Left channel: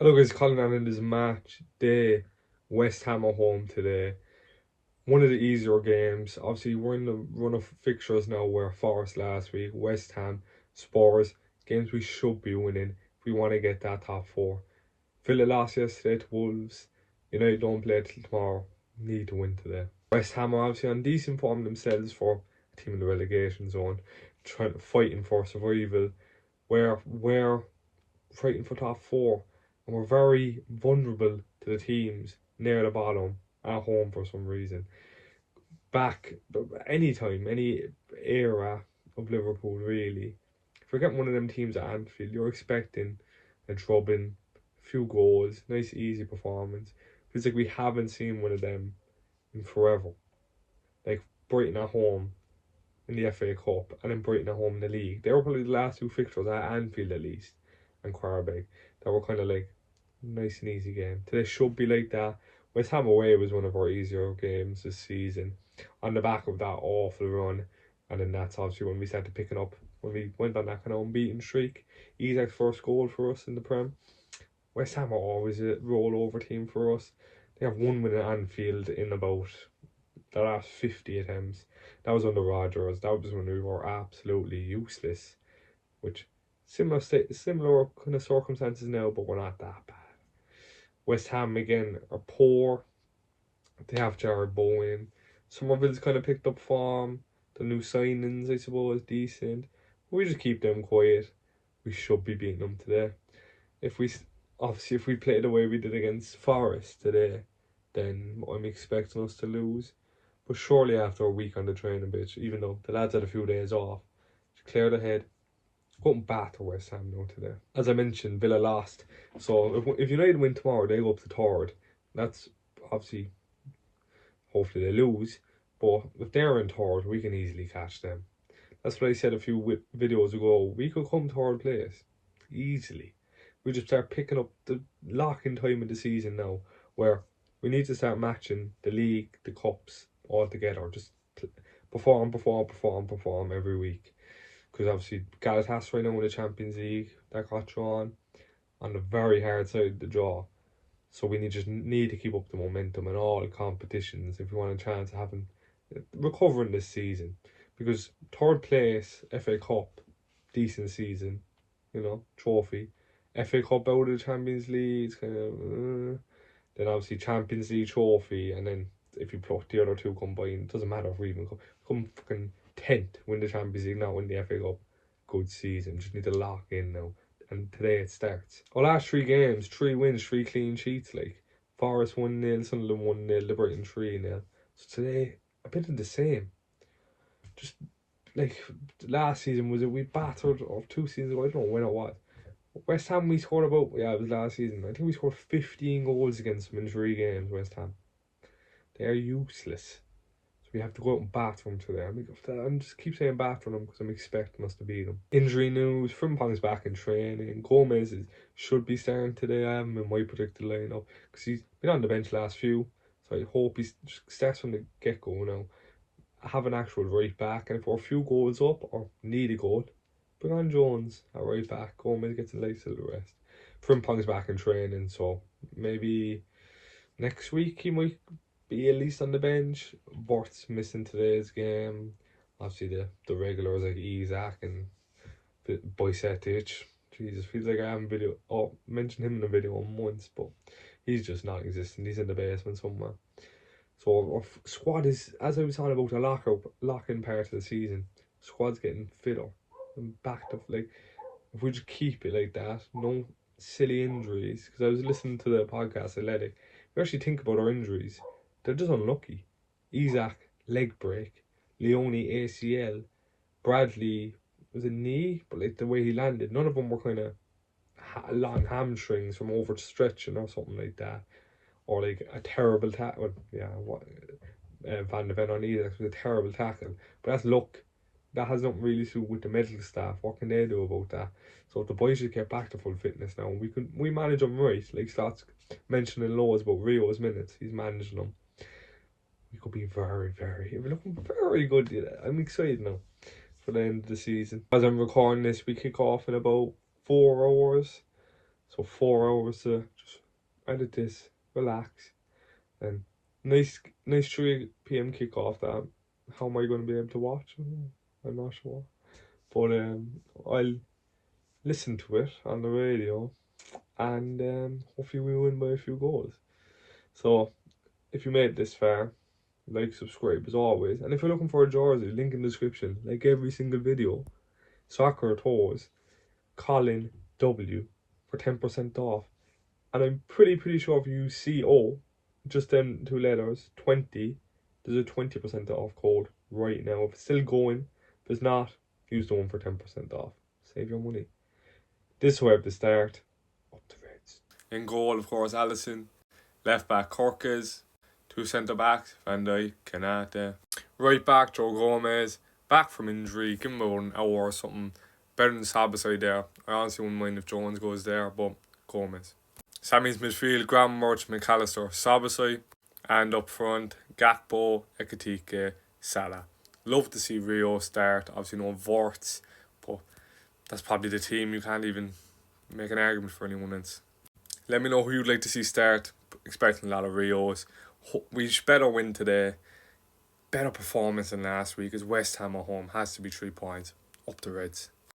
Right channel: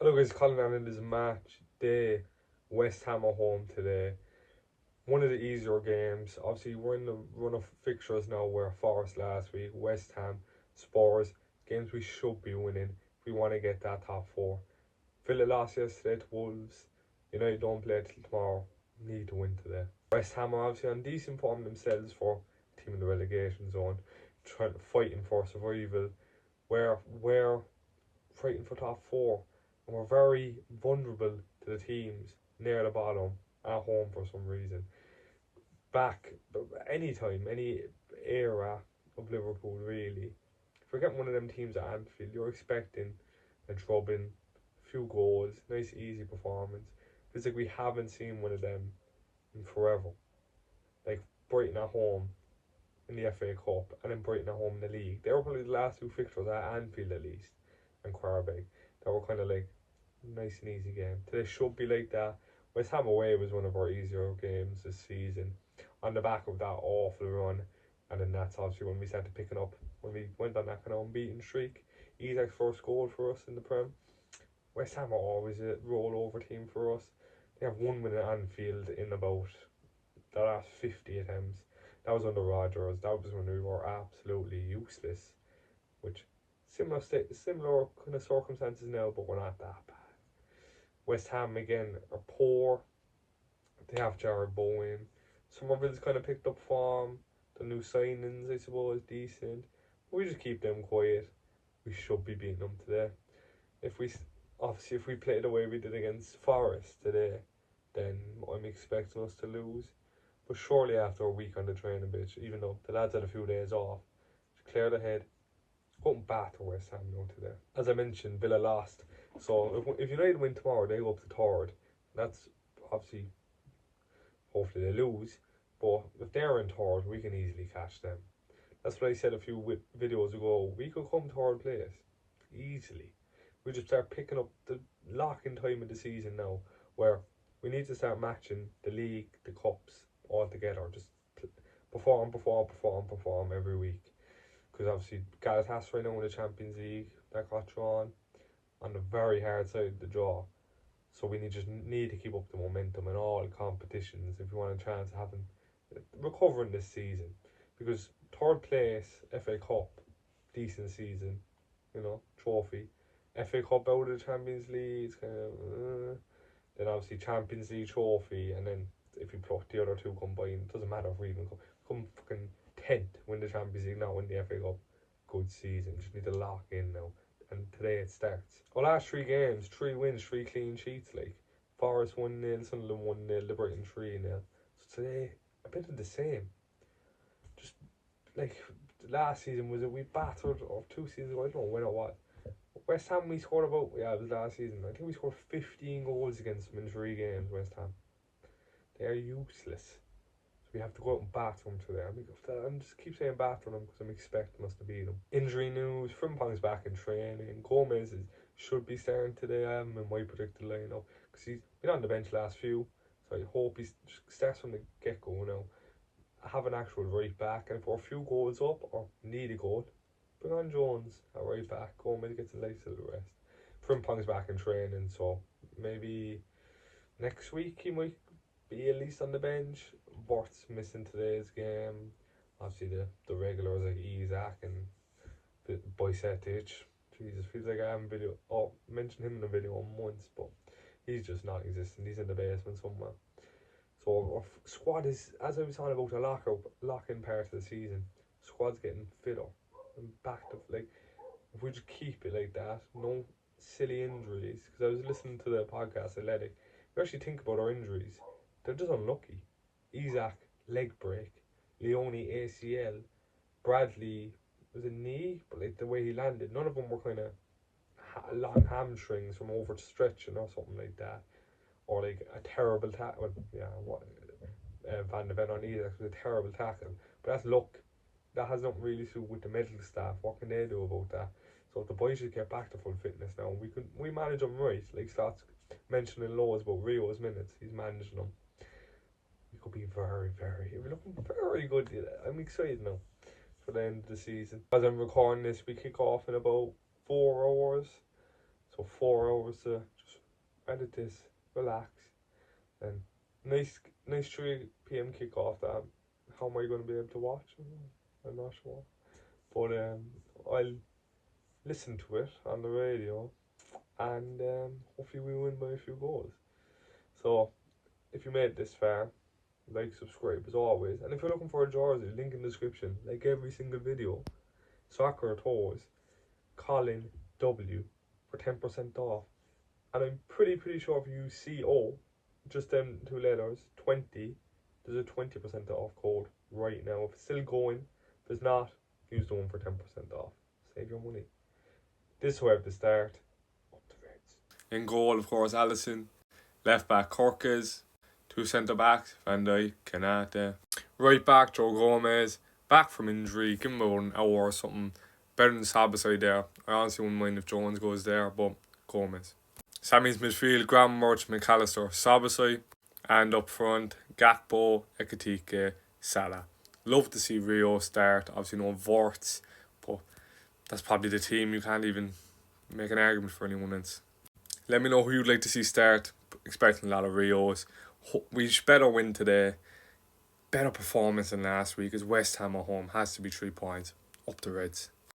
Hello guys, calling on in this match day. West Ham are home today. One of the easier games. Obviously, we're in the run of fixtures now where Forest last week, West Ham, Spurs, games we should be winning if we want to get that top four. Villa lost yesterday to Wolves. United don't play till tomorrow. Need to win today. West Ham are obviously on decent form themselves for a team in the relegation zone, trying to fighting for survival. We're fighting for top four, and we're very vulnerable to the teams near the bottom at home for some reason. Back any time, any era of Liverpool, really. If you're getting one of them teams at Anfield, you're expecting a drubbing, a few goals, nice easy performance. Feels like we haven't seen one of them in forever. Like Brighton at home in the FA Cup and then Brighton at home in the league. They were probably the last two fixtures at Anfield at least and Quarterback that were kind of like nice and easy game. Today should be like that. West Ham away was one of our easier games this season on the back of that awful run, and then that's obviously when we started picking up when we went on that kind of unbeaten streak. Isak's first goal for us in the Prem. West Ham are always a rollover team for us. They have one win at Anfield in about the last 50 attempts. That was under Rodgers. That was when we were absolutely useless. Which similar kind of circumstances now, but we're not that bad. West Ham again are poor. They have Jared Bowen. Somerville's kind of picked up form. The new signings, I suppose, decent. We just keep them quiet. We should be beating them today. If we obviously if we play the way we did against Forest today, then I'm expecting us to lose. But surely after a week on the training pitch, even though the lads had a few days off, to clear the head, go and batter West Ham now today. As I mentioned, Villa lost. So if United win tomorrow, they go up to third. That's obviously, hopefully they lose. But if they're in third, we can easily catch them. That's what I said a few videos ago. We could come third place easily. We just start picking up the lock-in time of the season now, where we need to start matching the league, the cups all together. Just perform every week. Because obviously Galatasaray now in the Champions League that got drawn on the very hard side of the draw. So we just need to keep up the momentum in all competitions if we want a chance of having recovering this season. Because third place, FA Cup, decent season, trophy. FA Cup out of the Champions League, it's kind of then obviously Champions League trophy, and then if you put the other two combined, it doesn't matter if we even come fucking 10th, win the Champions League, not win the FA Cup. Good season, just need to lock in now. And today it starts. Our last three games, 3 wins, 3 clean sheets. Like Forest 1-0, Sunderland 1-0, the Brighton 3-0. So today a bit of the same. Just like last season was it we battered, or 2 seasons ago, I don't know when it was. West Ham we scored about, it was last season. I think we scored 15 goals against them in 3 games. West Ham, they are useless. So we have to go out and batter them today. I'm just keep saying batter them because I'm expecting us to beat them. Injury news: Frimpong's back in training. Gomez should be starting today. I have him in my predicted lineup because he's been on the bench last few. So I hope he starts from the get go now. Have an actual right back, and if we're a few goals up or need a goal, bring on Jones at right back. Gomez gets a nice little rest. Frimpong's back in training, so maybe next week he might be at least on the bench. Bort's missing today's game. Obviously the regulars like Isak and Bajcetic. Jesus, feels like I haven't mentioned him in a video once, but he's just not existent. He's in the basement somewhere. So our squad is, as I was talking about, a lock-in part of the season. Squad's getting fitter and back to like. If we just keep it like that, no silly injuries. Because I was listening to the podcast Athletic. If you actually think about our injuries, they're just unlucky. Isak leg break, Leone ACL, Bradley was a knee, but like the way he landed, none of them were kind of long hamstrings from overstretching or something like that, or like a terrible tackle. Yeah, Van de Ven on Isak was a terrible tackle, but that's luck. That has nothing really to do with the medical staff. What can they do about that? So if the boys should get back to full fitness now, we manage them right. Like Scott's mentioning loads about Rio's minutes, he's managing them. We could be we're looking very good. I'm excited now for the end of the season. As I'm recording this, we kick off in about 4 hours. So 4 hours to just edit this, relax, and nice 3 p.m. kickoff. That how am I going to be able to watch? I'm not sure, but I'll listen to it on the radio, and hopefully we win by a few goals. So if you made it this far, like, subscribe as always, and if you're looking for a jersey, link in the description. Like every single video, soccer toes, Colin W for 10% off. And I'm pretty sure if you see just them 2 letters, 20, there's a 20% off code right now. If it's still going, if it's not, use the one for 10% off. Save your money. This way at the start, up the Reds. In goal, of course, Allison. Left back, Corkes. Two centre backs, Van Dijk, Kanate. Right back, Joe Gomez. Back from injury, give him about an hour or something. Better than Sabasai there. I honestly wouldn't mind if Jones goes there, but Gomez. Sammy's midfield, Graham Murch, McAllister, Sabasai. And up front, Gakpo, Ekitike, Salah. Love to see Rio start. Obviously no Vorts, but that's probably the team. You can't even make an argument for anyone else. Let me know who you'd like to see start. Expecting a lot of Rios. We better win today. Better performance than last week, as West Ham at home has to be 3 points. Up the Reds.